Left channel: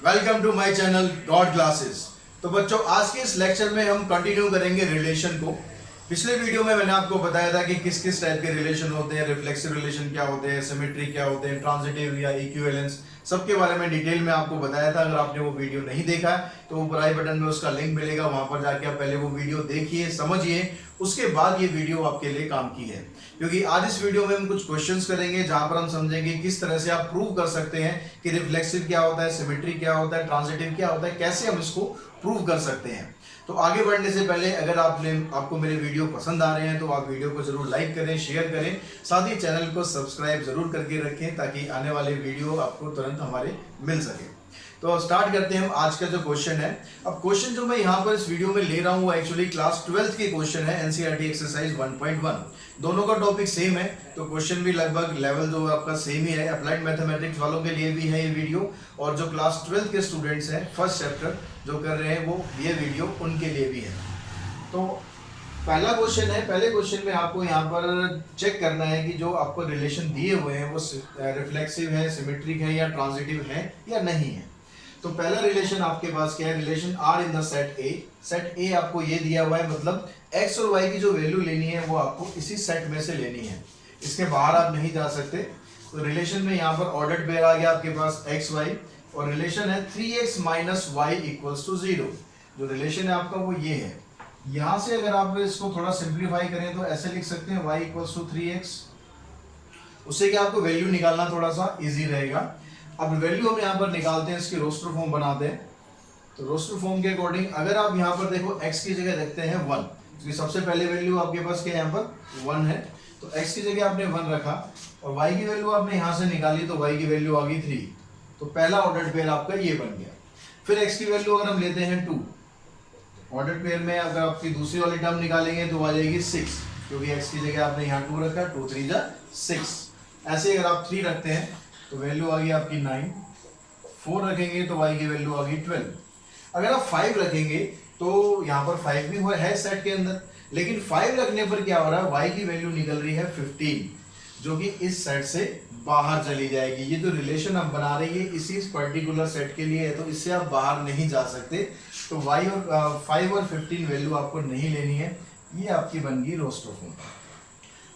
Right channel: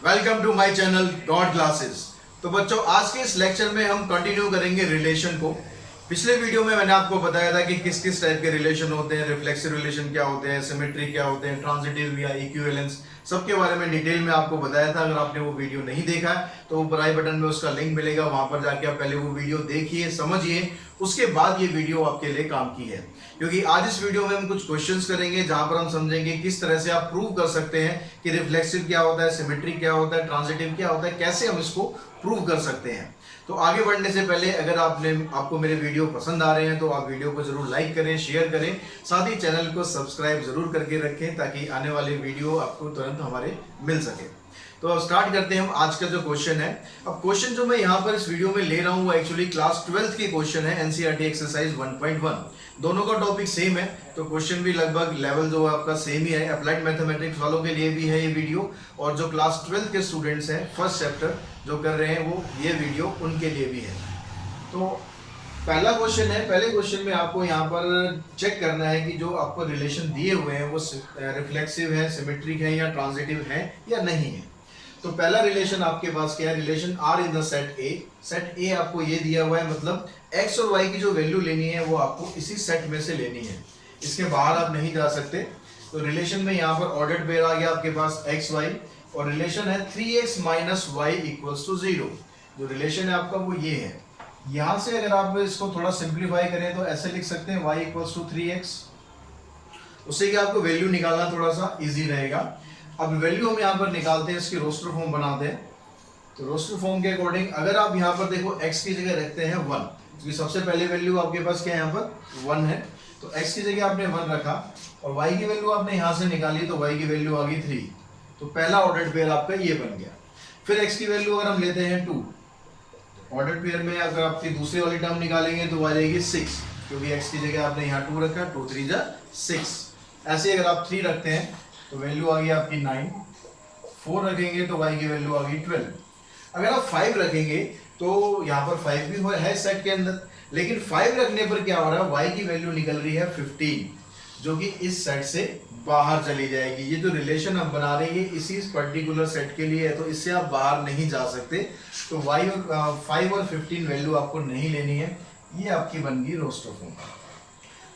Welcome to my channel god classes. तो बच्चों, आज के इस लेक्चर में हम कंटिन्यू करेंगे रिलेशन को। पिछले वीडियो में मैंने आपको बताया था कि किस किस टाइप के रिलेशन होते हैं, रिफ्लेक्सिव रिलेशन क्या होते हैं, सिमेट्री क्या होते हैं, ट्रांजिटिव या इक्विवेलेंस, सबके बारे में डिटेल में आपको बताया था। अगर आपने वो वीडियो नहीं देखा तो ऊपर आई बटन में उसका लिंक मिलेगा, वहां पर जाके आप पहले वो वीडियो देखिए, समझिए, उसके बाद ये वीडियो आपके लिए काम की है। क्योंकि आज इस वीडियो में हम कुछ क्वेश्चंस करेंगे जहां पर हम समझेंगे किस तरह से आप प्रूव कर सकते हैं कि रिफ्लेक्सिव क्या होता है, सिमेट्री क्या होता है, ट्रांजिटिव क्या होता है, कैसे हम इसको प्रूव कर सकते हैं। तो आगे बढ़ने से पहले अगर आपको मेरे वीडियो पसंद आ रहे हैं तो आप वीडियो को जरूर लाइक करें, शेयर करें, साथ ही चैनल को सब्सक्राइब जरूर करके रखें ताकि आने वाले वीडियो आपको तुरंत हमारे मिल सके। तो अब स्टार्ट करते हैं हम आज का जो क्वेश्चन है। अब क्वेश्चन जो मैं यहाँ पर इस वीडियो में ले रहा हूँ वो एक्चुअली क्लास 12th के क्वेश्चन है, एनसीईआरटी एक्सरसाइज 1.1। दोनों का टॉपिक सेम है तो क्वेश्चन भी लगभग लेवल जो आपका सेम ही है। अप्लाइड मैथमेटिक्स वालों के लिए भी है ये वीडियो, और जो क्लास 12th के स्टूडेंट्स हैं फर्स्ट चैप्टर जो कर रहे हैं वो ये वीडियो उनके लिए भी है। तो पहला क्वेश्चन है, पहले क्वेश्चन में आपको यहाँ पर चेक करना है कि जो आपको रिलेशन दिए हुए हैं वो रिफ्लेक्सिव है, सिमेट्रिक है या ट्रांजिटिव है या नहीं है। तो पहला रिलेशन आपके पास क्या है, relation R in the set A. Set A आपको ये दिया हुआ है, मतलब एक्स और वाई की जो वैल्यू लेनी है वो आपको इसी सेट में से लेनी है, इसके बाहर आप नहीं जा सकते। तो रिलेशन में यहाँ पर ऑर्डर्ड पेयर आ गया आपके पास एक्स वाई, और रिलेशन है 3x minus Y equals to 0। जो रिलेशन है आपका वो ये है। यहाँ से अगर आप इसको थोड़ा सिंप्लीफाई करें तो ऐसे लिख सकते हैं y इक्वल्स टू 3x। उससे क्या आपको वैल्यू निकालना थोड़ा सा इजी रहेगा। अब वैल्यू हम यहाँ पर निकालते हैं, इसकी रोस्टर फॉर्म बनाते हैं। तो रोस्टर फॉर्म के अकॉर्डिंग अगर आप यहाँ पर देखो x की जगह रखते हैं 1, क्योंकि सबसे पहले वैल्यू आपके पास क्या है यहाँ पर 1 है, तो x की जगह आपने 1 रखा, और y की वैल्यू आपने यहाँ से निकाली तो y की वैल्यू आ गई 3। तो पहला ऑर्डर्ड पेयर आपका ये बन गया। फिर x की वैल्यू अगर हम लेते हैं 2, ऑर्डर्ड पेयर में अगर आपकी दूसरी वाली टर्म निकालेंगे तो आ जाएगी 6, क्योंकि x की जगह आपने यहाँ 2 रखा, 2 3 जा 6। ऐसे अगर आप 3 रखते हैं तो वैल्यू आ गई आपकी 9, 4 रखेंगे तो y की वैल्यू आ गई 12। अगर आप 5 रखेंगे तो यहाँ पर 5 भी है सेट के अंदर, लेकिन 5 रखने पर क्या हो रहा है, y की वैल्यू निकल रही है 15, जो कि इस सेट से बाहर चली जाएगी। ये जो रिलेशन हम बना रहे हैं इसी पर्टिकुलर सेट के लिए है, तो इससे आप बाहर नहीं जा सकते। तो y और 5 और 15 वैल्यू आपको नहीं लेनी है। ये आपकी बन गई रोस्टर फॉर्म।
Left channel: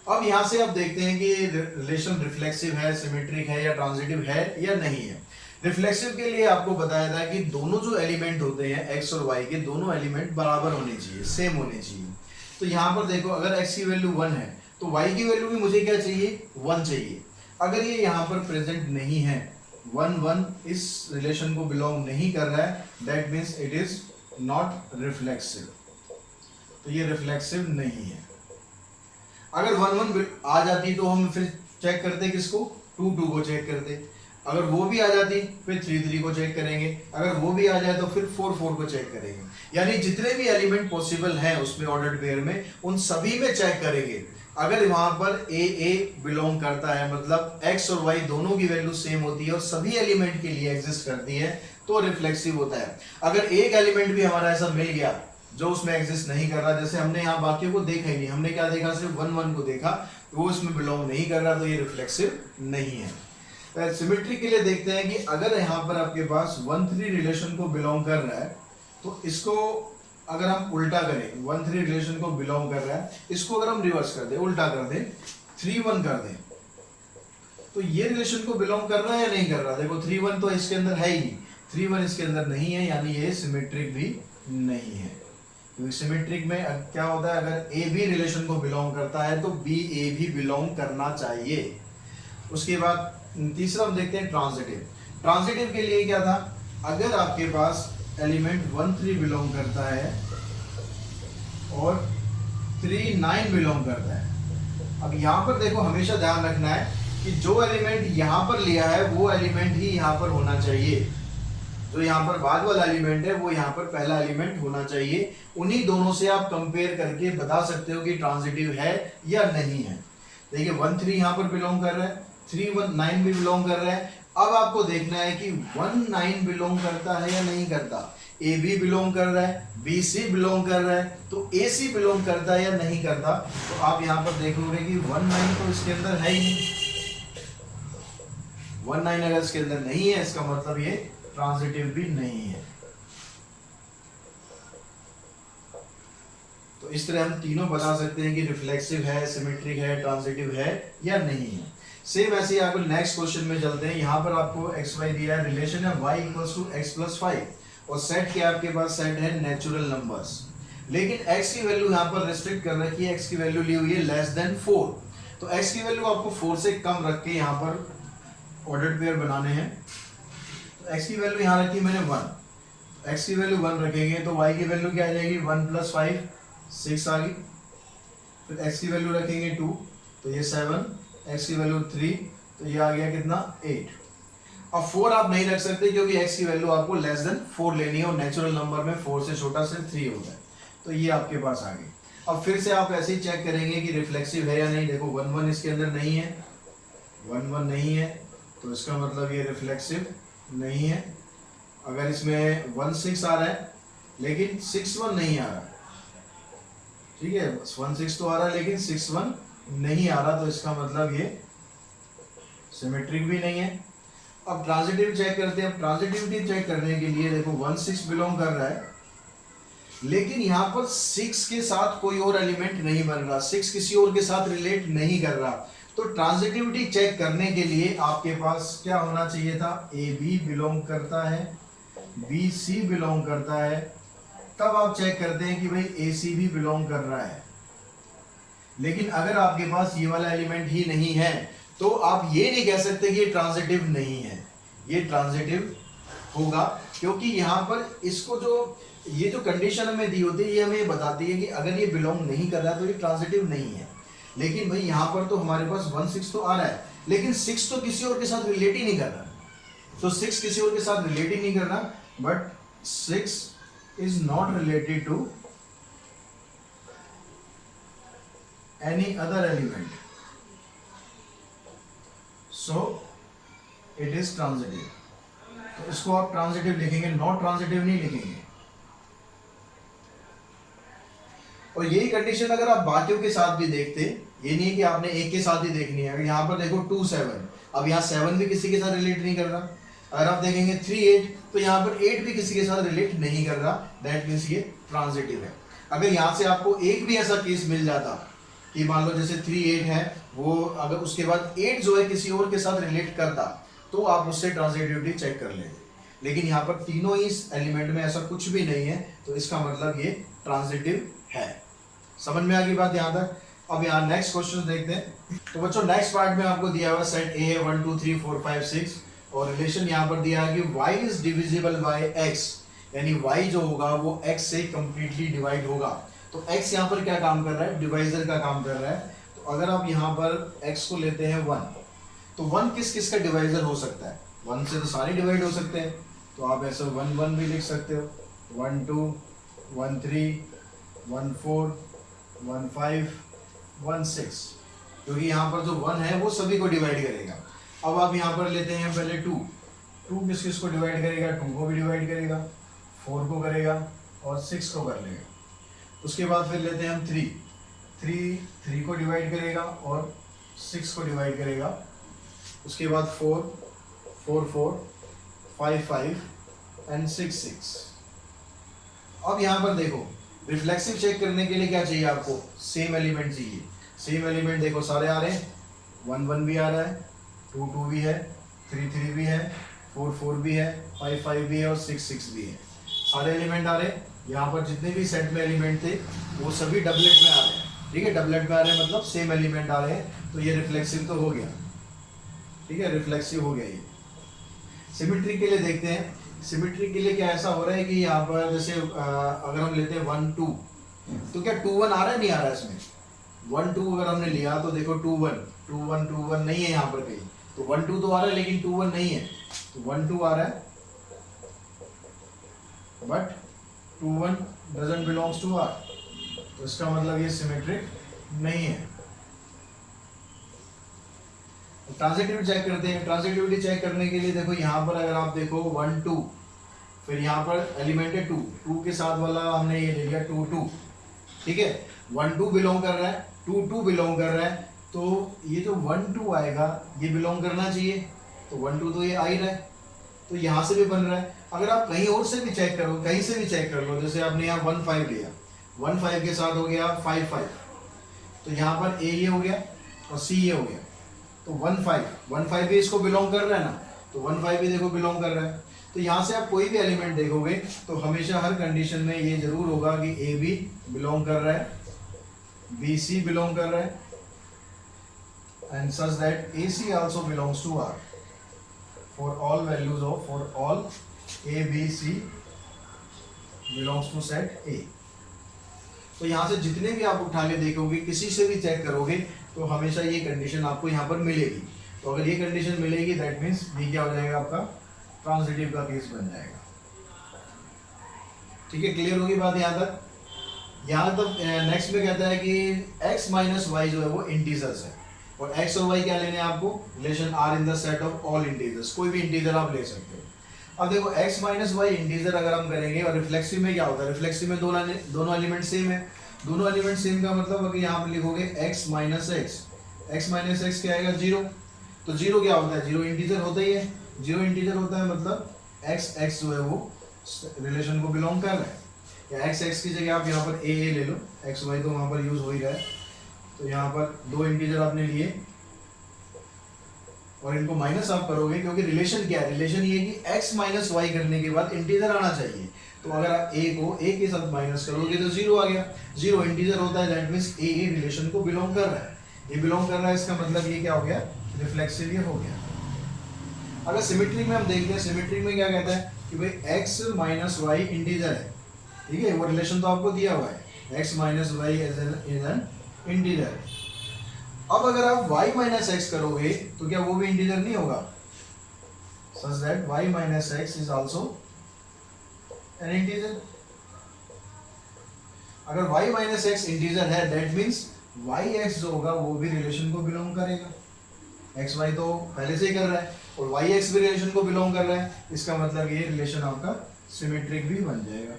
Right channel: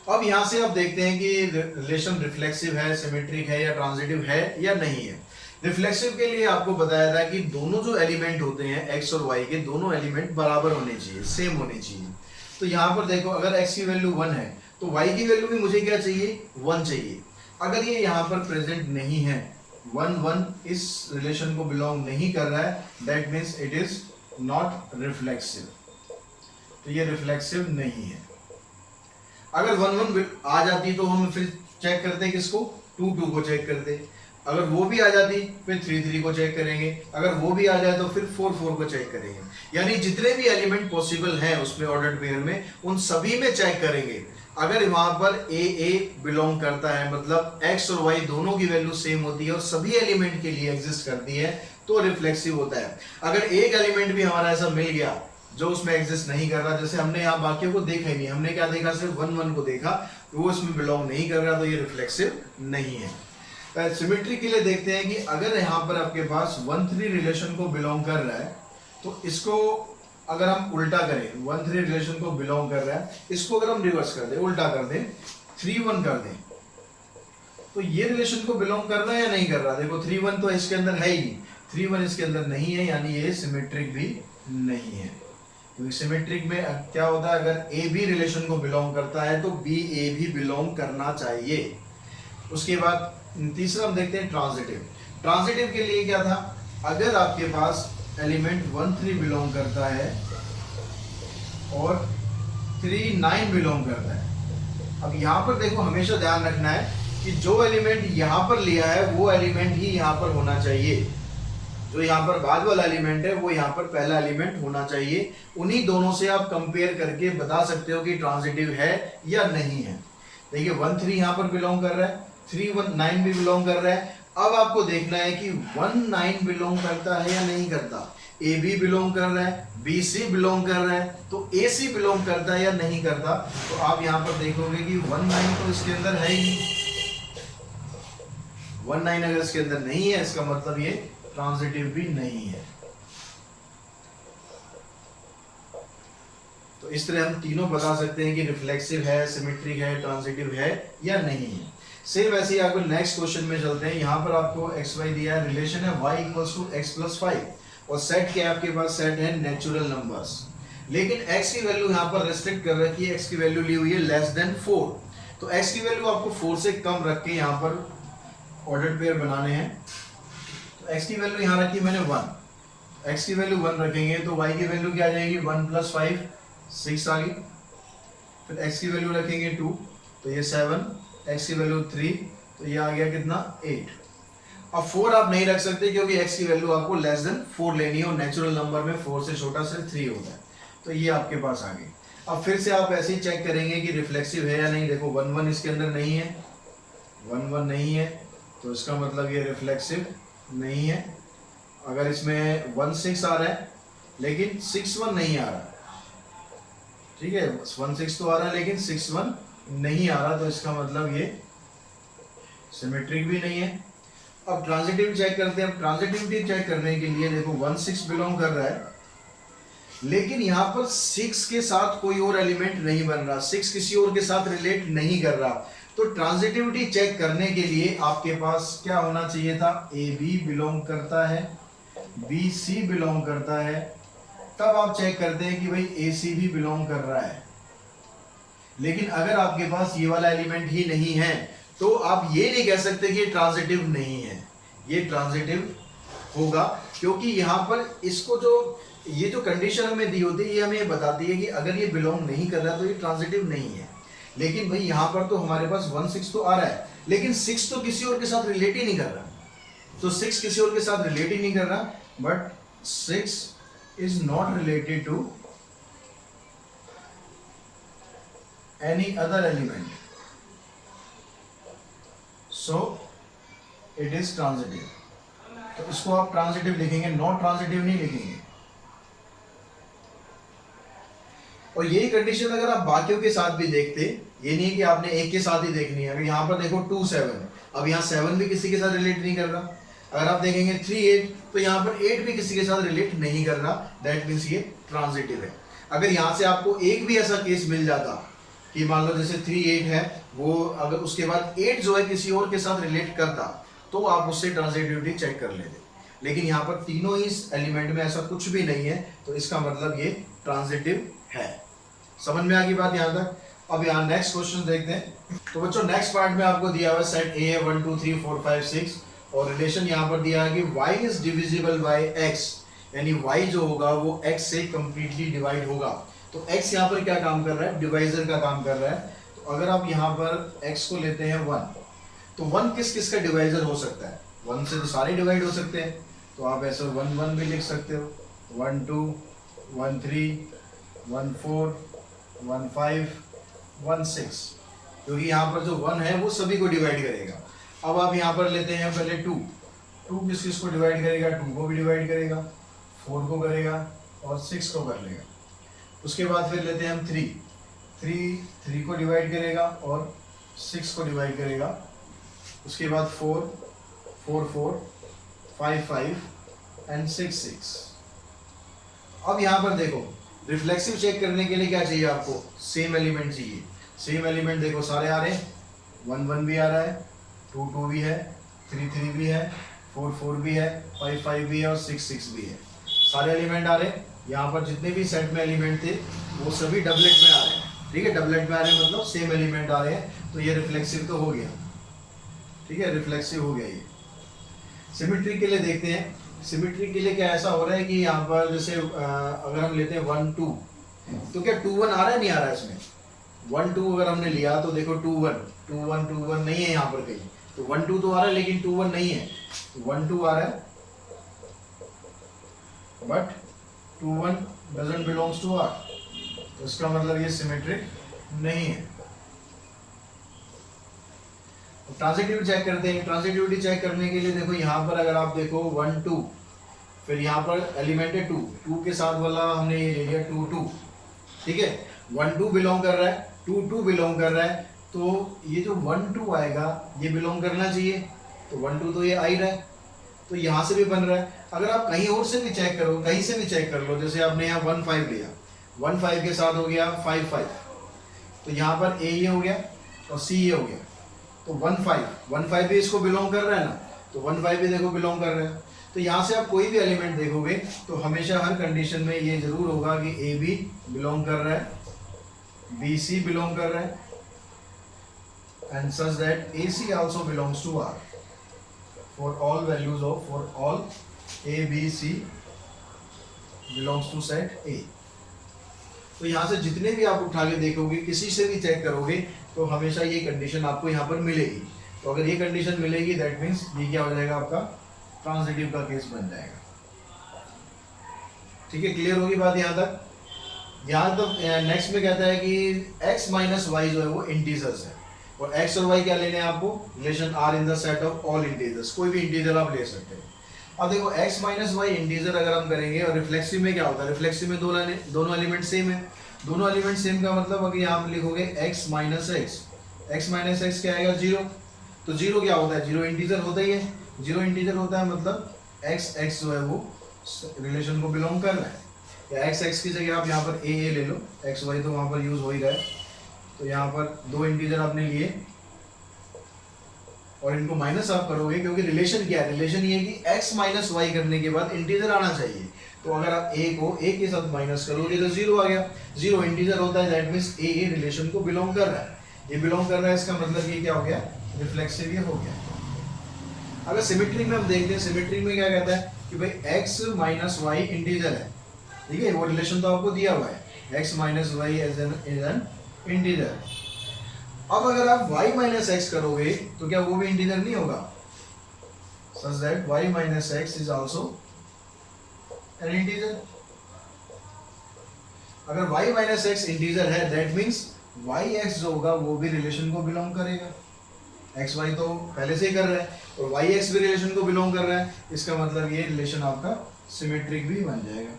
अब यहाँ से आप देखते हैं कि रिलेशन रिफ्लेक्सिव है, सिमेट्रिक है या ट्रांजिटिव है या नहीं है। रिफ्लेक्सिव के लिए आपको बताया था कि दोनों जो एलिमेंट होते हैं एक्स और वाई के, दोनों एलिमेंट बराबर होने चाहिए, सेम होने चाहिए। तो यहाँ पर देखो अगर एक्स की वैल्यू 1 है तो वाई की वैल्यू भी मुझे क्या चाहिए, 1 चाहिए। अगर ये यहाँ पर प्रेजेंट नहीं है, 1 1 इस रिलेशन को बिलोंग नहीं कर रहा है, that means it is not reflexive. तो ये रिफ्लेक्सिव नहीं है। अगर 1 1 आ जाती तो हम फिर चेक करते किसको, 2 2 को चेक करते। अगर वो भी आ जाती फिर 3 3 को चेक करेंगे। अगर वो भी आ जाए तो फिर 4 4 को चेक करेंगे। यानी जितने भी एलिमेंट पॉसिबल हैं उसमें ऑर्डर्ड पेयर में, उन सभी में चेक करेंगे। अगर वहां पर ए बिलोंग करता है, मतलब एक्स और वाई दोनों की वैल्यू सेम होती है और सभी एलिमेंट के लिए एग्जिस्ट करती है, तो रिफ्लेक्सिव होता है। अगर एक एलिमेंट भी हमारा ऐसा मिल गया जो उसमें एग्जिस्ट नहीं कर रहा, जैसे हमने यहाँ बाकियों को देखा ही नहीं, हमने क्या देखा, सिर्फ 1 1 को देखा, वो इसमें बिलोंग नहीं कर रहा, तो ये रिफ्लेक्सिव नहीं है। सिमेट्री के लिए देखते हैं कि अगर यहाँ पर आपके पास 1 3 रिलेशन को बिलोंग कर रहा है, तो इसको अगर हम उल्टा करें, 1 3 रिलेशन को बिलोंग कर रहा है, इसको अगर हम रिवर्स कर दें, उल्टा कर दें, 3 1 कर दें, तो ये रिलेशन को बिलोंग कर रहा है या नहीं कर रहा। देखो 3 1 तो इसके अंदर है ही, 3 1 इसके अंदर नहीं है, यानी ये सिमेट्रिक भी नहीं है। क्योंकि सिमेट्रिक में क्या होता है, अगर ए भी रिलेशन को बिलोंग करता है तो बी ए भी बिलोंग करना चाहिए। उसके बाद तीसरा हम देखते हैं ट्रांजिटिव। ट्रांजिटिव के लिए क्या था, अगर आपके पास एलिमेंट 1 3 बिलोंग करता है और 3 9 बिलोंग करता है। अब यहाँ पर देखो हमेशा ध्यान रखना है कि जो एलिमेंट यहाँ पर लिया है वो एलिमेंट ही यहाँ पर होना चाहिए। जो यहाँ पर बाद वाला एलिमेंट है वो यहाँ पर पहला एलिमेंट होना चाहिए। उन्हीं दोनों से आप कंपेयर करके बता सकते हो कि ट्रांजिटिव है या नहीं है। देखिए 1 3 यहाँ पर बिलोंग कर रहा है, 3 1 9 भी बिलोंग कर रहा है। अब आपको देखना है कि 1 9 बिलोंग करता है या नहीं करता। ए बी बिलोंग कर रहा है, बी सी बिलोंग कर रहा है, तो ए सी बिलोंग करता है या नहीं करता। तो आप यहाँ पर देखोगे कि 1 9 तो इसके अंदर है ही नहीं। 1 9 अगर इसके अंदर नहीं है, इसका मतलब ये ट्रांजिटिव भी नहीं है। तो इस तरह हम तीनों बता सकते हैं कि रिफ्लेक्सिव है, सिमेट्रिक है, ट्रांजिटिव है या नहीं है। सेम ऐसे ही आपको नेक्स्ट क्वेश्चन में चलते हैं। यहाँ पर आपको एक्स वाई दिया है, रिलेशन है y equals to x plus 5 और सेट क्या है आपके पास, सेट है नेचुरल नंबर्स। लेकिन x की वैल्यू यहाँ पर रिस्ट्रिक्ट कर रखी है, x की वैल्यू ली हुई है लेस देन 4। तो x की वैल्यू आपको 4 से कम रख के यहाँ पर ऑर्डर्ड पेयर बनाने हैं। तो x की वैल्यू यहाँ रखी मैंने 1, x की वैल्यू 1 रखेंगे तो y की वैल्यू क्या आ जाएगी, 1 प्लस 5 6 आ गई। फिर x की वैल्यू रखेंगे 2 तो ये 7, x की वैल्यू 3 तो ये आ गया कितना 8। अब 4 आप नहीं रख सकते क्योंकि x की वैल्यू आपको लेस देन 4 लेनी है और नेचुरल नंबर में 4 से छोटा सिर्फ 3 होता है। तो ये आपके पास आ गई। अब फिर से आप ऐसे ही चेक करेंगे कि रिफ्लेक्सिव है या नहीं। देखो 1 1 इसके अंदर नहीं है, 1 1 नहीं है तो इसका मतलब ये रिफ्लेक्सिव नहीं है। अगर इसमें 1 6 आ रहा है लेकिन 6 1 नहीं आ रहा, ठीक है, 1 6 तो आ रहा है लेकिन 6 1 नहीं आ रहा, तो इसका मतलब ये सिमेट्रिक भी नहीं है। अब ट्रांजिटिव चेक करते हैं। अब ट्रांजिटिविटी चेक करने के लिए देखो 1 6 बिलोंग कर रहा है लेकिन यहाँ पर 6 के साथ कोई और एलिमेंट नहीं बन रहा, 6 किसी और के साथ रिलेट नहीं कर रहा। तो ट्रांजिटिविटी चेक करने के लिए आपके पास क्या होना चाहिए था, ए बी बिलोंग करता है, बी सी बिलोंग करता है, तब आप चेक करते हैं कि भाई ए सी भी बिलोंग कर रहा है। लेकिन अगर आपके पास ये वाला एलिमेंट ही नहीं है तो आप ये नहीं कह सकते कि ये ट्रांजिटिव नहीं है, ये ट्रांजिटिव होगा। क्योंकि यहाँ पर इसको जो ये जो कंडीशन हमें दी होती है ये हमें बताती है कि अगर ये बिलोंग नहीं कर रहा तो ये ट्रांजिटिव नहीं है। लेकिन भाई यहाँ पर तो हमारे पास 1 6 तो आ रहा है लेकिन 6 तो किसी और के साथ रिलेट ही नहीं कर रहा, तो 6 किसी और के साथ रिलेट ही नहीं कर रहा, but 6 is not related to any other element, so it is transitive। तो इसको आप ट्रांजिटिव लिखेंगे, नॉट ट्रांजिटिव नहीं लिखेंगे। और यही कंडीशन अगर आप बाकियों के साथ भी देखते, ये नहीं है कि आपने एक के साथ ही देखनी है। अगर यहाँ पर देखो 2 7, अब यहाँ 7 भी किसी के साथ रिलेट नहीं कर रहा। अगर आप देखेंगे 3 8 तो यहाँ पर 8 भी किसी के साथ रिलेट नहीं कर रहा, दैट मीन्स ये ट्रांजिटिव है। अगर यहाँ से आपको एक भी ऐसा केस मिल जाता कि मान लो जैसे 3 8 है, वो अगर उसके बाद 8 जो है किसी और के साथ रिलेट करता तो आप उससे ट्रांजिटिविटी चेक कर लेते। लेकिन यहाँ पर तीनों ही एलिमेंट में ऐसा कुछ भी नहीं है, तो इसका मतलब ये ट्रांजिटिव है। समझ में आ गई बात यहाँ तक। अब यहाँ नेक्स्ट क्वेश्चन देखते हैं। तो बच्चों नेक्स्ट पार्ट में आपको दिया हुआ सेट ए 1 2 3 4 5 6 और रिलेशन यहाँ पर दिया है कि y is divisible by x, यानी y जो होगा वो x से कंप्लीटली डिवाइड होगा। तो x यहाँ पर क्या काम कर रहा है, डिवाइजर का काम कर रहा है। तो अगर आप यहाँ पर x को लेते हैं 1, तो 1 किस किस का डिवाइजर हो सकता है, 1 से तो सारे डिवाइड हो सकते हैं। तो आप ऐसे 1 1 भी लिख सकते हो, 1 2 1 3 1 4 1 5 1 6, क्योंकि यहाँ पर जो 1 है वो सभी को डिवाइड करेगा। अब आप यहाँ पर लेते हैं पहले 2 किस किस को डिवाइड करेगा, 2 को भी डिवाइड करेगा, 4 को करेगा और 6 को कर लेगा। उसके बाद फिर लेते हैं हम 3 को डिवाइड करेगा और 6 को डिवाइड करेगा। उसके बाद 4 4 5 5 एंड 6 6। अब यहाँ पर देखो रिफ्लेक्सिव चेक करने के लिए क्या चाहिए आपको, सेम एलिमेंट चाहिए। सेम एलिमेंट देखो सारे आ रहे हैं, 1 1 भी आ रहा है, 2 2 भी है, 3 3 भी है, 4 4 भी है, 5 5 भी है और 6 6 भी है। सारे एलिमेंट आ रहे हैं। यहाँ पर जितने भी सेट में एलिमेंट थे वो सभी डबलेट में आ रहे हैं, ठीक है। डबलेट में आ रहे हैं मतलब सेम एलिमेंट आ रहे हैं, तो ये रिफ्लेक्सिव तो हो गया, ठीक है, रिफ्लेक्सिव हो गया ये। सिमेट्री के लिए देखते हैं। सिमेट्री के लिए क्या ऐसा हो रहा है कि यहाँ पर जैसे अगर हम लेते हैं 1 2, तो क्या 2 1 आ रहा है, नहीं आ रहा है इसमें। 1 2 अगर हमने लिया तो देखो 2 1 नहीं है यहाँ पर कहीं, तो 1 2 तो आ रहा है लेकिन 2 1 नहीं है। तो 1 2 आ रहा है but 2 1 doesn't belongs to R, तो इसका मतलब ये सिमेट्रिक नहीं है। ट्रांजिटिविटी चेक करते हैं। ट्रांजिटिविटी चेक करने के लिए देखो यहाँ पर अगर आप देखो 1 2, फिर यहाँ पर एलिमेंट है 2 के साथ वाला हमने ये ले लिया 2 2, ठीक है। 1 2 बिलोंग कर रहा है, 2 2 बिलोंग कर रहा है, तो ये जो 1 2 आएगा ये बिलोंग करना चाहिए, तो 1 2 तो ये आ ही रहा है। तो यहाँ से भी बन रहा है। अगर आप कहीं और से भी चेक करो, कहीं से भी चेक कर लो, जैसे आपने यहाँ 1 5 लिया, 1 5 के साथ हो गया 5 5, तो यहाँ पर ए ये हो गया और सी ये हो गया, तो 1 5 भी इसको बिलोंग कर रहा है ना, तो 1 5 भी देखो बिलोंग कर रहा है। तो यहाँ से आप कोई भी एलिमेंट देखोगे तो हमेशा हर कंडीशन में ये जरूर होगा कि ए बी बिलोंग कर रहा है, बी सी बिलोंग कर रहा है, and such that AC also belongs to R for all values of, for all A B C belongs to set A। तो यहाँ से जितने भी आप उठा के देखोगे, किसी से भी चेक करोगे, तो हमेशा ये कंडीशन आपको यहाँ पर मिलेगी। तो अगर ये कंडीशन मिलेगी दैट मीन्स ये क्या हो जाएगा, आपका ट्रांजिटिव का केस बन जाएगा। ठीक है, क्लियर होगी बात यहाँ तक? यहाँ तक नेक्स्ट में कहता है कि x माइनस वाई जो है वो इंटीजर्स है, और x और y क्या लेने हैं आपको, relation r in the set of all integers, कोई भी इंटीजर आप ले सकते हो। अब देखो x माइनस वाई इंटीजर अगर हम करेंगे, और रिफ्लेक्सिव में क्या होता है, रिफ्लेक्सिव में दोनों एलिमेंट सेम है, दोनों एलिमेंट सेम का मतलब अगर यहाँ पर लिखोगे x माइनस एक्स क्या आएगा, 0। तो 0 क्या होता है, 0 इंटीजर होता ही है, 0 इंटीजर होता है मतलब x जो है वो रिलेशन को बिलोंग कर रहा है, या x की जगह आप यहाँ पर a ले लो, x y तो वहाँ पर यूज हो ही रहा है। तो यहाँ पर 2 इंटीजर आपने लिए और इनको माइनस आप करोगे, क्योंकि रिलेशन क्या है, रिलेशन ये है कि x माइनस वाई करने के बाद इंटीजर आना चाहिए। तो अगर आप a को a के साथ माइनस करोगे तो 0 आ गया, 0 इंटीजर होता है, दैट मीन्स a रिलेशन को बिलोंग कर रहा है, ये बिलोंग कर रहा है, इसका मतलब ये क्या हो गया, रिफ्लेक्सिव ये हो गया। अगर सिमेट्री में हम देखते हैं, सिमेट्री में क्या कहता है कि भाई x माइनस वाई इंटीजर है, ठीक है, वो रिलेशन तो आपको दिया हुआ है, x minus y is an integer. अब अगर आप y माइनस एक्स करोगे तो क्या वो भी इंटीजर नहीं होगा, such that y minus x is also an integer. अगर y माइनस एक्स इंटीजर है दैट मीन्स yx जो होगा वो भी रिलेशन को बिलोंग करेगा, xy तो पहले से ही कर रहा है और yx भी रिलेशन को बिलोंग कर रहा है, इसका मतलब ये रिलेशन आपका सिमेट्रिक भी बन जाएगा।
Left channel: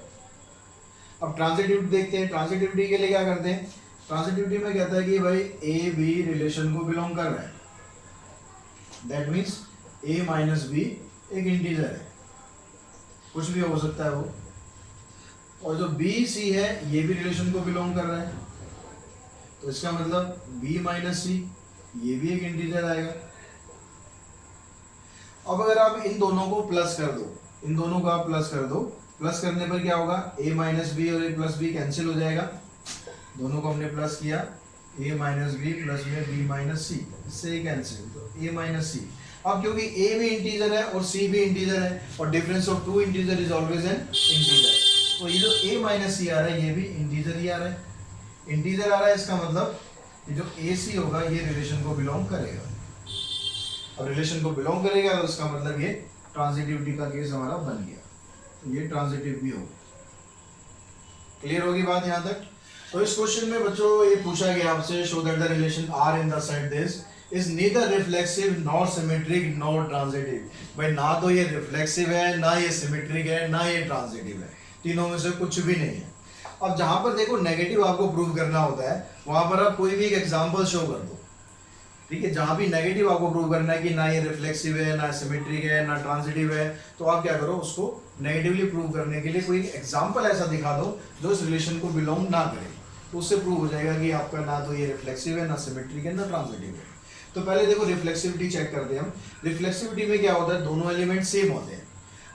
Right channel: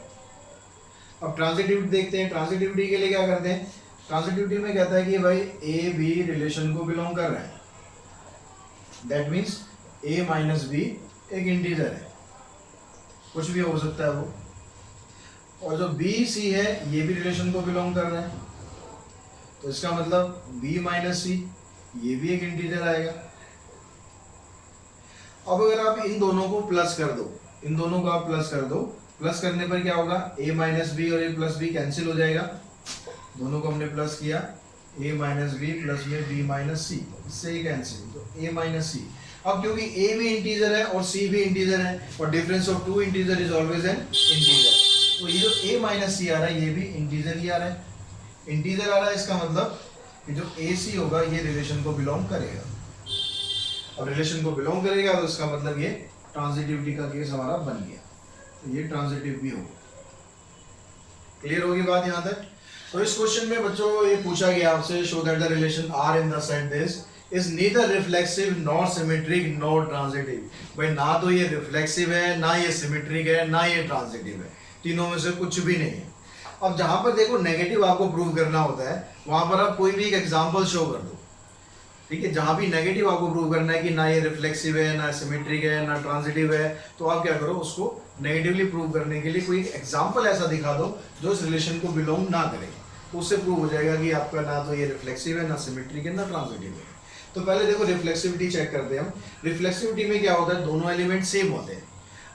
अब ट्रांजिटिविटी देखते हैं, ट्रांजिटिविटी के लिए क्या करते हैं, ट्रांजिटिविटी में कहता है कि भाई ए बी रिलेशन को बिलोंग कर रहा है, that means A minus B एक इंटीजर है, कुछ भी हो सकता है वो, और जो बी सी है ये भी रिलेशन को बिलोंग कर रहा है, तो इसका मतलब बी माइनस सी ये भी एक इंटीजर आएगा। अब अगर आप इन दोनों को प्लस कर दो, इन दोनों को आप प्लस कर दो, प्लस करने पर क्या होगा, a माइनस बी और a प्लस बी कैंसिल हो जाएगा, दोनों को हमने प्लस किया, a माइनस बी प्लस में b माइनस सी, इससे ये कैंसिल, तो a माइनस सी। अब क्योंकि a भी इंटीजर है और c भी इंटीजर है और difference of two integer is always an integer, तो ये जो a माइनस सी आ रहा है ये भी इंटीजर ही आ रहा है, इंटीजर आ रहा है, इसका मतलब कि जो ए सी होगा ये रिलेशन को बिलोंग करेगा, और रिलेशन को बिलोंग करेगा तो इसका मतलब ये ट्रांजिटिविटी का केस हमारा बन गया, तो ये ट्रांजिटिव भी होगा। क्लियर होगी बात यहाँ तक? तो इस क्वेश्चन में बच्चों ये पूछा गया आपसे, show that the relation R in the set this is neither reflexive nor symmetric nor transitive. भाई ना तो ये रिफ्लेक्सिव है, ना ये सिमेट्रिक है, ना ये ट्रांजिटिव है, तीनों में से कुछ भी नहीं है। अब जहां पर देखो नेगेटिव आपको प्रूव करना होता है वहां पर आप कोई भी एक एग्जांपल शो कर दो, ठीक है, जहां भी नेगेटिव आपको प्रूव करना है कि ना ये रिफ्लेक्सिव है, ना सिमेट्रिक है, ना ट्रांजिटिव है, तो आप क्या करो, उसको नेगेटिवली प्रूव करने के लिए कोई एग्जांपल ऐसा दिखा दो जो इस रिलेशन को बिलोंग ना करे, तो उससे प्रूव हो जाएगा कि आपका ना तो ये रिफ्लेक्सिव है, ना सिमेट्रिक है, ना ट्रांजिटिव है। तो पहले देखो रिफ्लेक्सिविटी चेक करते हैं हम। रिफ्लेक्सिविटी में क्या होता है, दोनों एलिमेंट सेम होते हैं।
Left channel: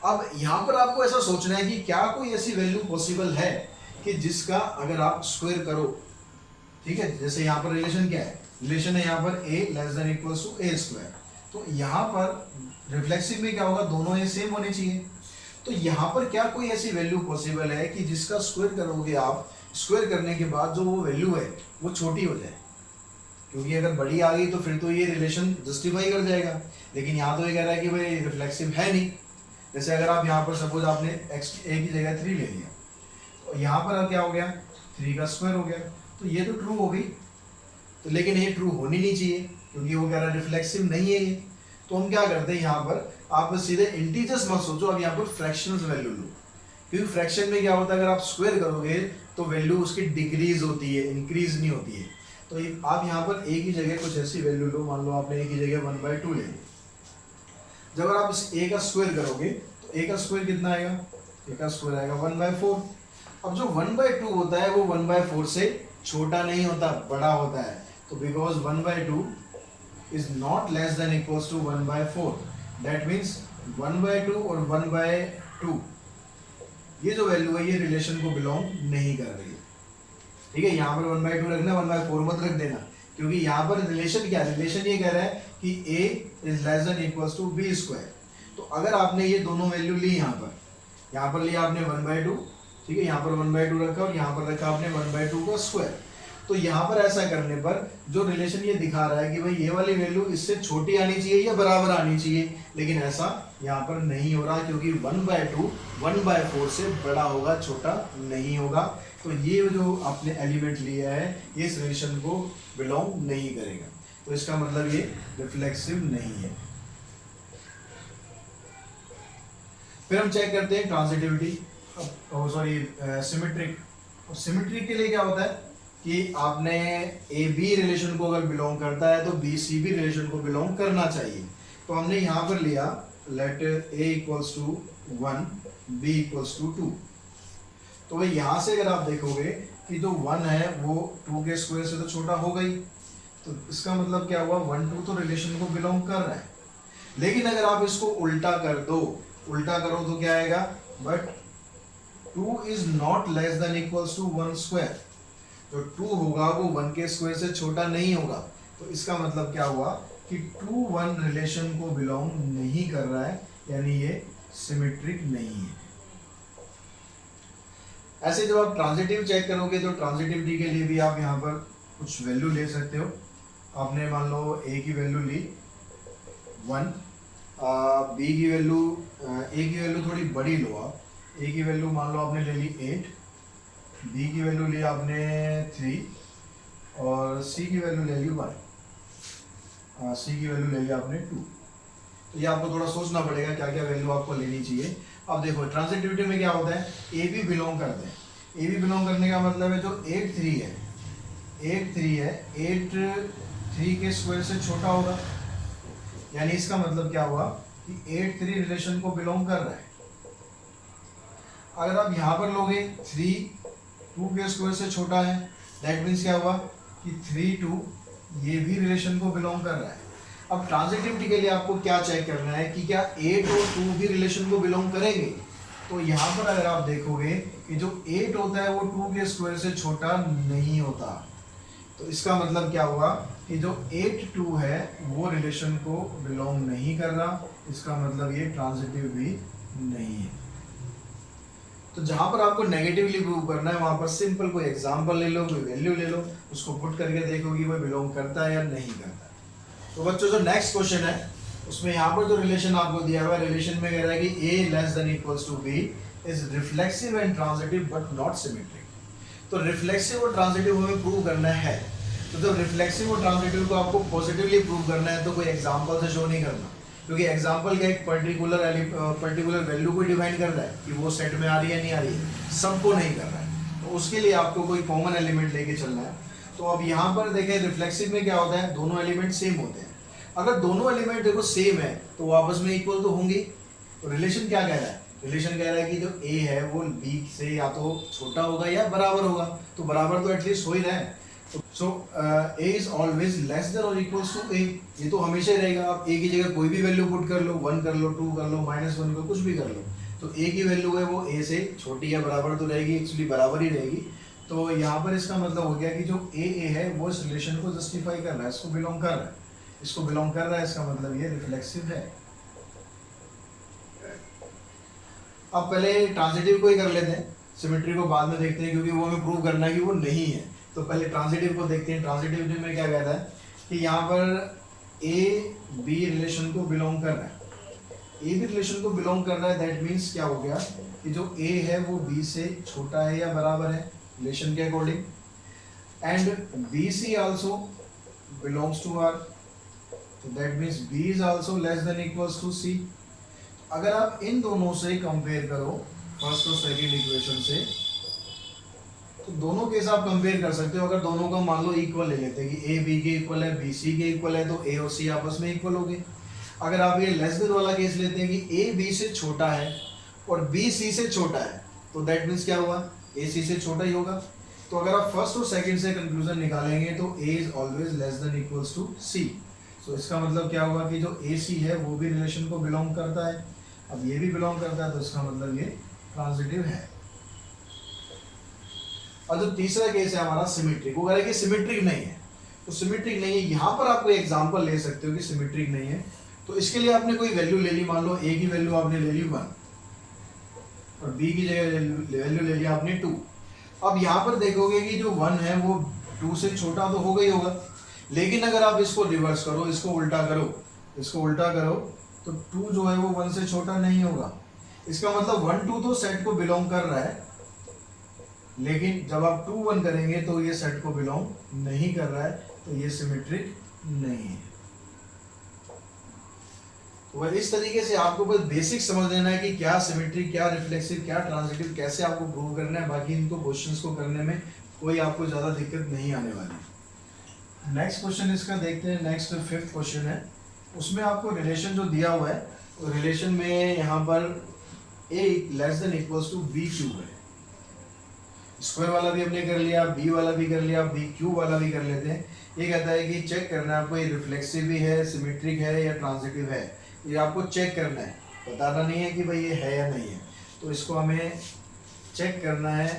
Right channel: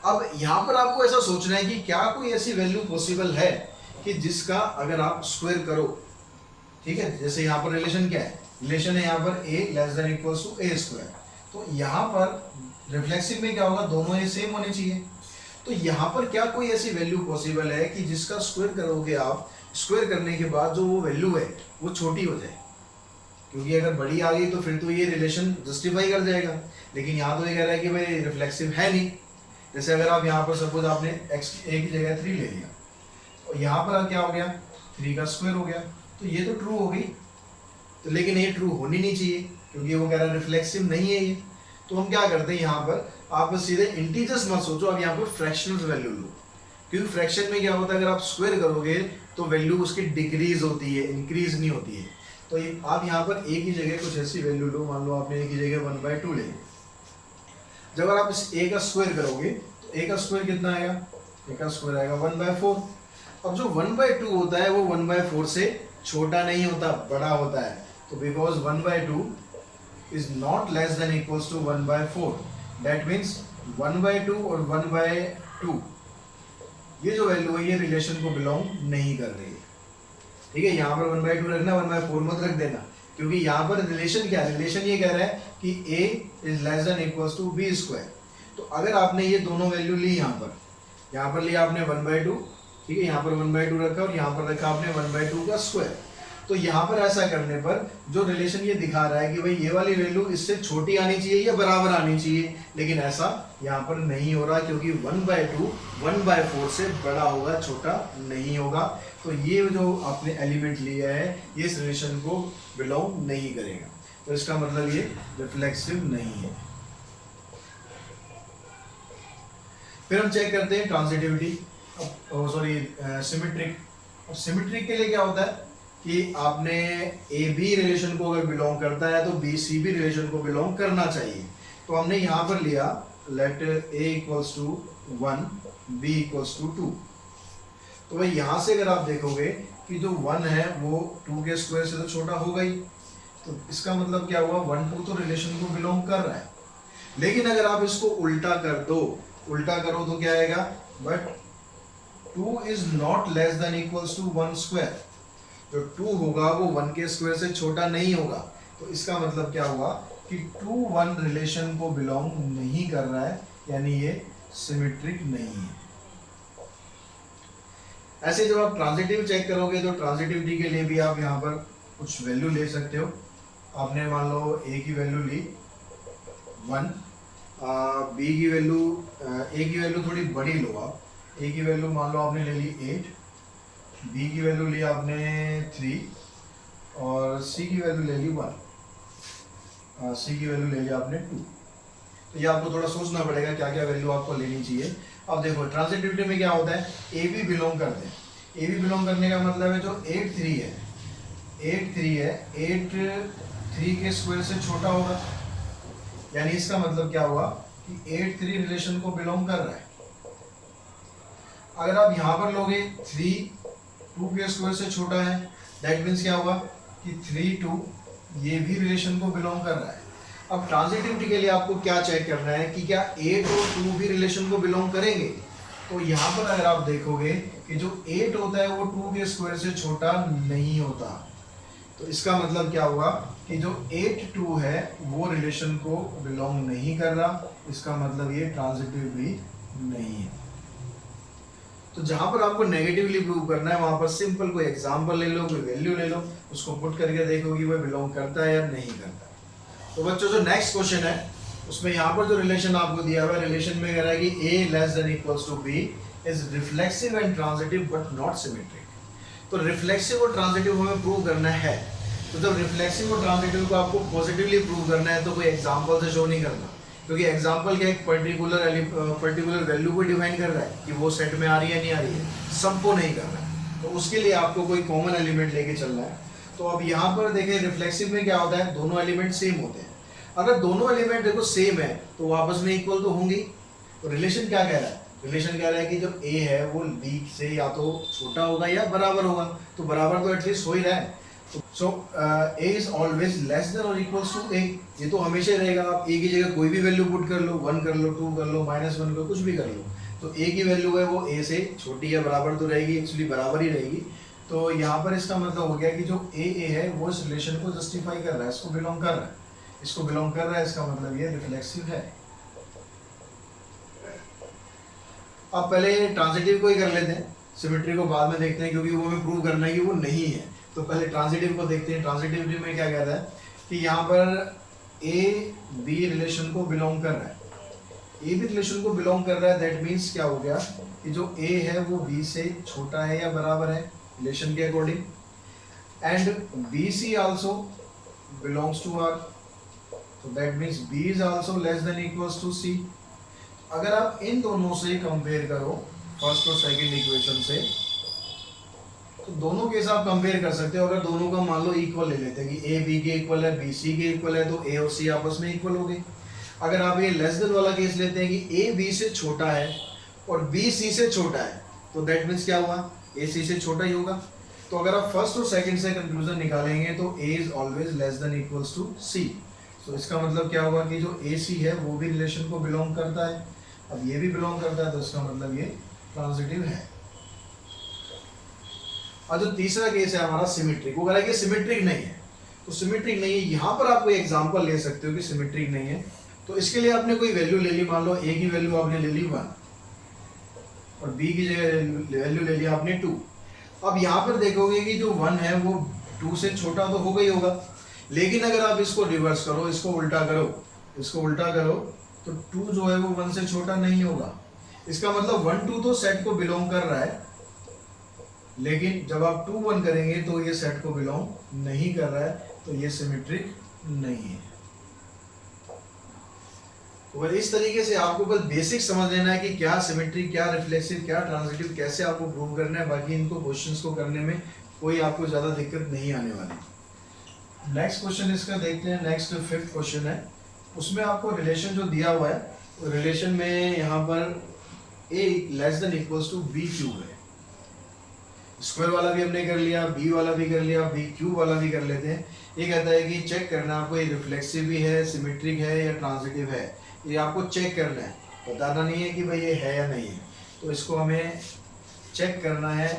अब यहाँ पर आपको ऐसा सोचना है कि क्या कोई ऐसी वैल्यू पॉसिबल है कि जिसका अगर आप स्क्वायर करो, ठीक है, जैसे यहाँ पर रिलेशन क्या है, रिलेशन है यहाँ पर a less than equals to a square, तो यहाँ पर रिफ्लेक्सिव में क्या होगा, दोनों ये सेम होने चाहिए। तो यहाँ पर क्या कोई ऐसी वैल्यू पॉसिबल है कि जिसका स्क्वायर करोगे आप, स्क्वायर करने के बाद जो वो वैल्यू है वो छोटी हो जाए, क्योंकि अगर बड़ी आ गई तो फिर तो ये रिलेशन जस्टिफाई कर जाएगा, लेकिन यहाँ तो ये कह रहा है कि भाई रिफ्लेक्सिव है नहीं। जैसे अगर आप यहाँ पर सपोज आपने x a की जगह 3 ले लिया, तो यहाँ पर क्या हो गया, 3 का स्क्वायर हो गया, तो ये तो ट्रू हो गई, तो लेकिन ये ट्रू होनी नहीं चाहिए क्योंकि वो कह रहा है रिफ्लेक्सिव नहीं है ये। तो हम क्या करते हैं, यहाँ पर आप सीधे इंटीजर्स मत सोचो, अब यहाँ पर फ्रैक्शनल वैल्यू लो, क्योंकि फ्रैक्शन में क्या होता है, अगर आप स्क्वायर करोगे तो वैल्यू उसकी डिक्रीज होती है, इंक्रीज नहीं होती है। तो आप यहाँ पर a की जगह कुछ ऐसी वैल्यू लो, मान लो आपने a की जगह 1/2 ले ली। जब अगर आप इस a का स्क्वायर करोगे तो a का स्क्वायर कितना आएगा, a का स्क्वायर आएगा 1/4। अब जो 1/2 होता है वो 1/4 से छोटा नहीं होता, बड़ा होता है। तो because 1/2 is not less than equals to 1/4, that means 1/2 और 1/2 ये जो वैल्यू है ये रिलेशन को बिलोंग नहीं कर रही है। ठीक है, यहाँ पर 1/2 रखना, 1/4 मत रख देना, क्योंकि यहाँ पर रिलेशन क्या है, रिलेशन ये कह रहा है कि a is less than equals to b square. तो अगर आपने ये दोनों वैल्यू ली, यहाँ पर लिया आपने 1/2, ठीक है, यहाँ पर 1/2 रखा और यहाँ पर रखा आपने 1/2 का स्क्वायर। तो यहाँ पर ऐसा करने पर जो रिलेशन ये दिखा रहा है कि भाई ये वाली वैल्यू इससे छोटी आनी चाहिए या बराबर आनी चाहिए, लेकिन ऐसा यहाँ पर नहीं हो रहा, क्योंकि 1/2 1/4 से बड़ा होगा, छोटा नहीं होगा। तो ये जो आपने एलिमेंट लिया है ये इस रिलेशन को बिलोंग नहीं करेगा, तो इसका मतलब ये रिफ्लेक्सिव नहीं है। फिर हम चेक करते हैं ट्रांजिटिविटी, सॉरी सिमेट्रिक। और सिमेट्रिक के लिए क्या होता है कि आपने ए बी रिलेशन को अगर बिलोंग करता है तो बी सी बी रिलेशन को बिलोंग करना चाहिए। तो हमने यहाँ पर लिया let A equals to 1 B equals to 2। तो भाई यहाँ से अगर आप देखोगे कि जो 1 है वो 2 के स्क्वायर से तो छोटा होगा ही, तो इसका मतलब क्या हुआ, 1 2 तो रिलेशन को बिलोंग कर रहा है। लेकिन अगर आप इसको उल्टा कर दो, उल्टा करो तो क्या आएगा, but 2 is not less than equals to 1 square. जो 2 होगा वो 1 के स्क्वायर से छोटा नहीं होगा। तो इसका मतलब क्या हुआ कि 2 1 रिलेशन को बिलोंग नहीं कर रहा है, यानी ये सिमेट्रिक नहीं है। ऐसे जब आप ट्रांजिटिव चेक करोगे तो ट्रांजिटिविटी के लिए भी आप यहाँ पर कुछ वैल्यू ले सकते हो। आपने मान लो a की वैल्यू ली 1, b की वैल्यू a की वैल्यू थोड़ी बड़ी लो आप, a की वैल्यू मान लो आपने ले ली 8, b की वैल्यू ली आपने 3 और c की वैल्यू ले ली 1, c की वैल्यू ले ली आपने 2। तो ये आपको थोड़ा सोचना पड़ेगा क्या क्या वैल्यू आपको लेनी चाहिए। अब देखो ट्रांजिटिविटी में क्या होता है, ए बी बिलोंग करते हैं। ए बी बिलोंग करने का मतलब है जो 8 3 है, 8 3 के स्क्वायर से छोटा होगा, यानी इसका मतलब क्या हुआ कि 8 3 रिलेशन को बिलोंग कर रहा है। अगर आप यहाँ पर लोगे 3 2 के स्क्वायर से छोटा है, दैट मीन्स क्या होगा कि 3 2 ये भी रिलेशन को बिलोंग कर रहा है। अब ट्रांजिटिविटी के लिए आपको क्या चेक करना है कि क्या 8 और 2 भी रिलेशन को बिलोंग करेंगे। तो यहाँ पर अगर आप देखोगे कि जो 8 होता है वो 2 के स्क्वायर से छोटा नहीं होता, तो इसका मतलब क्या हुआ कि जो 8 2 है वो रिलेशन को बिलोंग नहीं कर रहा, इसका मतलब ये ट्रांजिटिव भी नहीं है। तो जहां पर आपको नेगेटिवली प्रूव करना है वहां पर सिंपल कोई एग्जांपल ले लो, कोई वैल्यू ले लो, उसको पुट करके देखो कि वो बिलोंग करता है या नहीं करता। तो बच्चों जो नेक्स्ट क्वेश्चन है उसमें यहाँ पर जो रिलेशन आपको दिया हुआ है, रिलेशन में कह रहा है कि a less than equals to b is reflexive and transitive but not symmetric. तो रिफ्लेक्सिव और ट्रांजिटिव हमें प्रूव करना है। तो जब रिफ्लेक्सिव और ट्रांजिटिव को आपको पॉजिटिवली प्रूव करना है तो कोई एग्जांपल से शो नहीं करना, क्योंकि एग्जांपल क्या एक पर्टिकुलर वैल्यू को डिफाइन कर रहा है कि वो सेट में आ रही है नहीं आ रही है, सबको नहीं कर रहा है। तो उसके लिए आपको कोई कॉमन एलिमेंट लेके चलना है। तो अब यहाँ पर देखें रिफ्लेक्सिव में क्या होता है, दोनों एलिमेंट सेम होते हैं। अगर दोनों एलिमेंट देखो सेम है तो वो आपस में इक्वल तो होंगे। तो रिलेशन क्या कह रहा है, रिलेशन कह रहा है कि जो a है वो b से या तो छोटा होगा या बराबर होगा। तो बराबर तो एटलीस्ट हो ही रहा है। सो a is always less then और इक्वल्स टू a, ये तो हमेशा ही रहेगा। आप a की जगह कोई भी वैल्यू पुट कर लो, 1 कर लो, 2 कर लो, -1 कर लो, कुछ भी कर लो, तो a की वैल्यू है वो a से छोटी या बराबर तो रहेगी, एक्चुअली बराबर ही रहेगी। तो यहाँ पर इसका मतलब हो गया कि जो a है वो इस रिलेशन को जस्टिफाई कर रहा है, इसको बिलोंग कर रहा है, इसको बिलोंग कर रहा है, इसका मतलब ये रिफ्लेक्सिव है। अब पहले ट्रांजिटिव को ही कर लेते हैं, सिमेट्री को बाद में देखते हैं, क्योंकि वो हमें प्रूव करना है कि वो नहीं है। तो पहले ट्रांजिटिव को देखते हैं। ट्रांजिटिविटी में क्या कहता है कि यहाँ पर a b रिलेशन को बिलोंग कर रहा है, a भी रिलेशन को बिलोंग कर रहा है, दैट मीन्स क्या हो गया कि जो a है वो b से छोटा है या बराबर है रिलेशन के according, and bc also belongs to r, तो that means b is also less than equals to c। अगर आप इन दोनों से कंपेयर करो, फर्स्ट और सेकंड इक्वेशन से, तो दोनों के साथ कंपेयर कर सकते हो। अगर दोनों का मान लो इक्वल ले लेते हैं कि a b के इक्वल है, b c के इक्वल है, तो a और c आपस में इक्वल हो गए। अगर आप ये लेस देन वाला केस लेते हैं कि ए बी से छोटा है और बी सी से छोटा है, तो दैट मीन्स क्या हुआ, ए सी से छोटा ही होगा। तो अगर आप फर्स्ट और सेकंड से कंक्लूजन निकालेंगे तो A is always less than equals to C. तो इसका मतलब क्या हुआ कि जो ए सी है वो भी रिलेशन को बिलोंग करता है, अब ये भी बिलोंग करता है, तो इसका मतलब ये ट्रांजिटिव है। और जो तीसरा केस है हमारा सिमेट्रिक, वो कह रहा है कि सिमेट्रिक नहीं है, तो सिमेट्रिक नहीं है, यहाँ पर आप कोई एग्जांपल ले सकते हो कि सिमेट्रिक नहीं है। तो इसके लिए आपने कोई वैल्यू ले ली, मान लो ए की वैल्यू आपने ले ली 1 और बी की जगह वैल्यू ले ली आपने 2। अब यहाँ पर देखोगे कि जो 1 है वो 2 से छोटा तो होगा ही होगा, लेकिन अगर आप इसको रिवर्स करो, इसको उल्टा करो तो 2 जो है वो 1 से छोटा नहीं होगा। इसका मतलब 1 2 तो सेट को बिलोंग कर रहा है, लेकिन जब आप 2 1 करेंगे तो ये सेट को बिलोंग नहीं कर रहा है, तो ये सिमेट्रिक नहीं है। तो इस तरीके से आपको बस बेसिक समझ लेना है कि क्या सिमेट्रिक, क्या रिफ्लेक्सिव, क्या ट्रांजिटिव, कैसे आपको प्रूव करना है। बाकी इनको क्वेश्चंस को करने में कोई आपको ज़्यादा दिक्कत नहीं आने वाली। नेक्स्ट क्वेश्चन इसका देखते हैं। नेक्स्ट 5th क्वेश्चन है, उसमें आपको रिलेशन जो दिया हुआ है, रिलेशन में यहाँ पर a less than equals to B cube है। स्क्वायर वाला भी हमने कर लिया, बी वाला भी कर लिया, बी क्यूब वाला भी कर लेते हैं। ये कहता है कि चेक करना है आपको ये रिफ्लेक्सिव भी है, सिमेट्रिक है या ट्रांजिटिव है, ये आपको चेक करना है, बताना नहीं है कि भाई ये है या नहीं है। तो इसको हमें चेक करना है।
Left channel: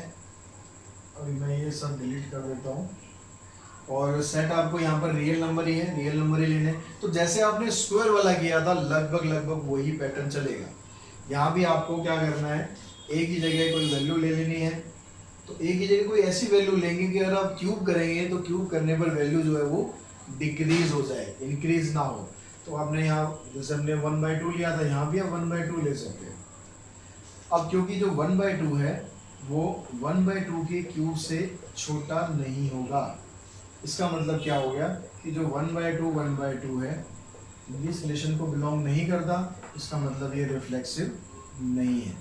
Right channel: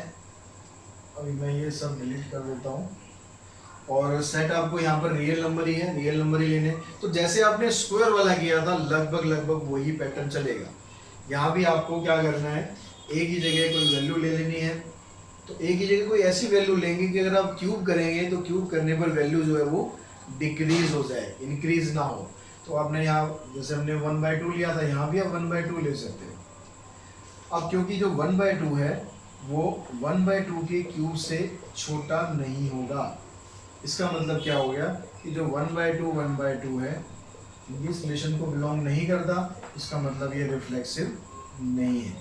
अभी मैं ये सब डिलीट कर देता हूँ और सेट आपको यहाँ पर रियल नंबर ही है, रियल नंबर ही लेने। तो जैसे आपने स्क्वायर वाला किया था लगभग वही पैटर्न चलेगा। यहाँ भी आपको क्या करना है, ए की जगह कोई वैल्यू ले लेनी है। तो ए की जगह कोई ऐसी वैल्यू लेंगे कि अगर आप क्यूब करेंगे तो क्यूब करने पर वैल्यू जो है वो डिक्रीज हो जाए, इंक्रीज ना हो। तो आपने यहाँ जैसे हमने 1/2 लिया था, यहाँ भी आप 1/2 ले सकते हो। अब क्योंकि जो 1/2 है वो 1/2 के क्यूब से छोटा नहीं होगा, इसका मतलब क्या हो गया कि जो 1/2 है इस रिलेशन को बिलोंग नहीं करता, इसका मतलब ये रिफ्लेक्सिव नहीं है।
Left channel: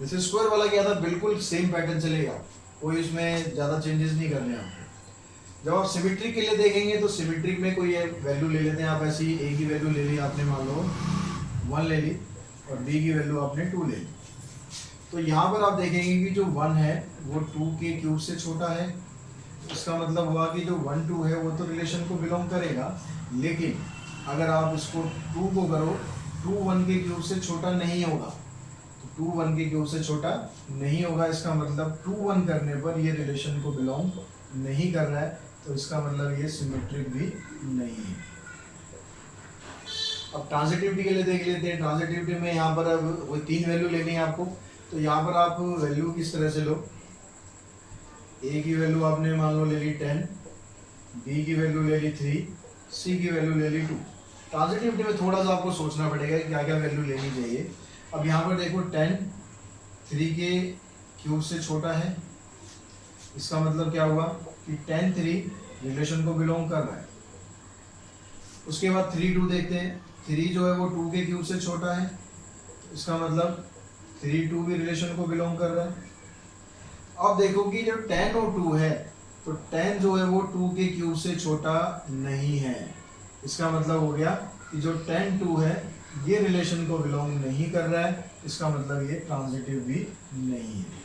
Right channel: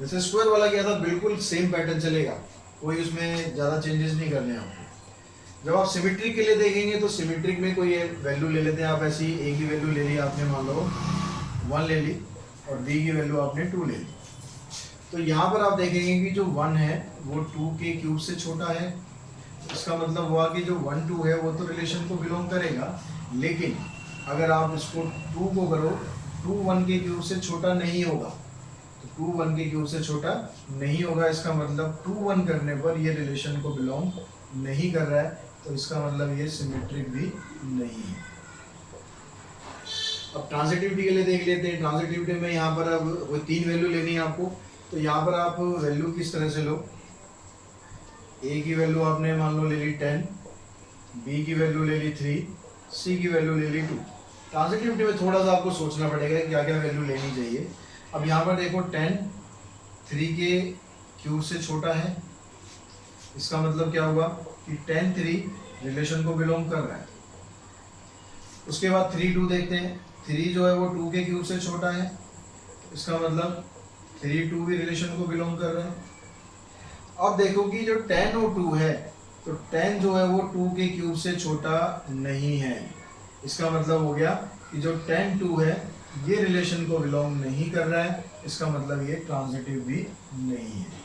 जैसे स्क्वायर वाला क्या था, बिल्कुल सेम पैटर्न चलेगा, कोई उसमें ज़्यादा चेंजेस नहीं करने आपको। जब आप सिमेट्रिक के लिए देखेंगे तो सिमेट्रिक में कोई वैल्यू ले लेते हैं आप, ऐसी ए की वैल्यू ले ली आपने, मान लो 1 ले ली, और बी की वैल्यू आपने 2 ले ली। तो यहाँ पर आप देखेंगे कि जो 1 है वो 2 के क्यूब से छोटा है, इसका मतलब हुआ कि जो 1 2 है वो तो रिलेशन को बिलोंग करेगा, लेकिन अगर आप इसको 2 को करो, 2 1 के क्यूब से छोटा नहीं होगा, तो 2 1 के क्यूब से छोटा नहीं होगा, इसका मतलब 2 1 करने पर ये रिलेशन को बिलोंग नहीं कर रहा है, तो इसका मतलब ये सिमेट्रिक भी नहीं है। अब ट्रांजिटिविटी के लिए देख लेते हैं। ट्रांजिटिविटी में यहाँ पर अब वो 3 वैल्यू लेनी है आपको, तो यहाँ पर आप वैल्यू किस तरह से लो, ए की वैल्यू आपने मान लो ले ली 10, बी की वैल्यू ले ली 3, सी की वैल्यू ले ली 2। ट्रांजिटिविटी में थोड़ा सा आपको सोचना पड़ेगा क्या क्या वैल्यू लेनी चाहिए। अब यहाँ पर देखो 10 3 के क्यूब से छोटा है, इसका मतलब क्या हुआ कि 10 3 रिलेशन को बिलोंग कर रहा है। उसके बाद 3 2 देखते हैं, 3 जो है वो 2 के क्यूब से छोटा है, इसका मतलब 3 2 भी रिलेशन को बिलोंग कर रहा है। अब देखो कि जो 10 और 2 है, तो 10 जो है वो 2 के क्यूब से छोटा नहीं है, इसका मतलब हो गया कि जो 10 2 है ये रिलेशन को बिलोंग नहीं कर रहा है, इसका मतलब ये ट्रांजिटिव भी नहीं है।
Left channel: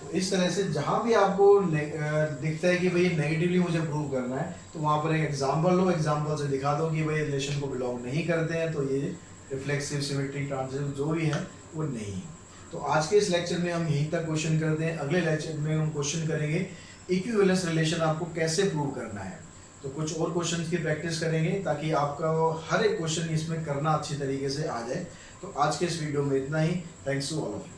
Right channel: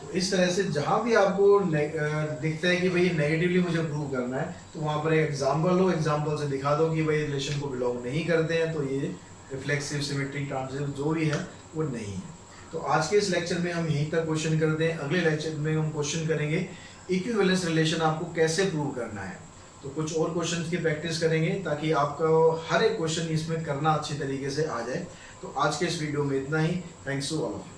तो इस तरह से जहां भी आपको दिखता है कि भाई नेगेटिवली मुझे प्रूव करना है, तो वहां पर एक एग्जांपल लो, एग्जांपल से दिखा दो कि भाई रिलेशन को बिलोंग नहीं करते हैं, तो ये रिफ्लेक्सिव, सिमेट्रिक, ट्रांजिटिव जो भी है वो नहीं है। तो आज के इस लेक्चर में हम यहीं तक क्वेश्चन करते हैं। अगले लेक्चर में हम क्वेश्चन करेंगे इक्विवेलेंस रिलेशन आपको कैसे प्रूव करना है। तो कुछ और क्वेश्चंस की प्रैक्टिस करेंगे ताकि आपका हर एक क्वेश्चन इसमें करना अच्छी तरीके से आ जाए। तो आज के इस वीडियो में इतना ही। Thanks to all of you.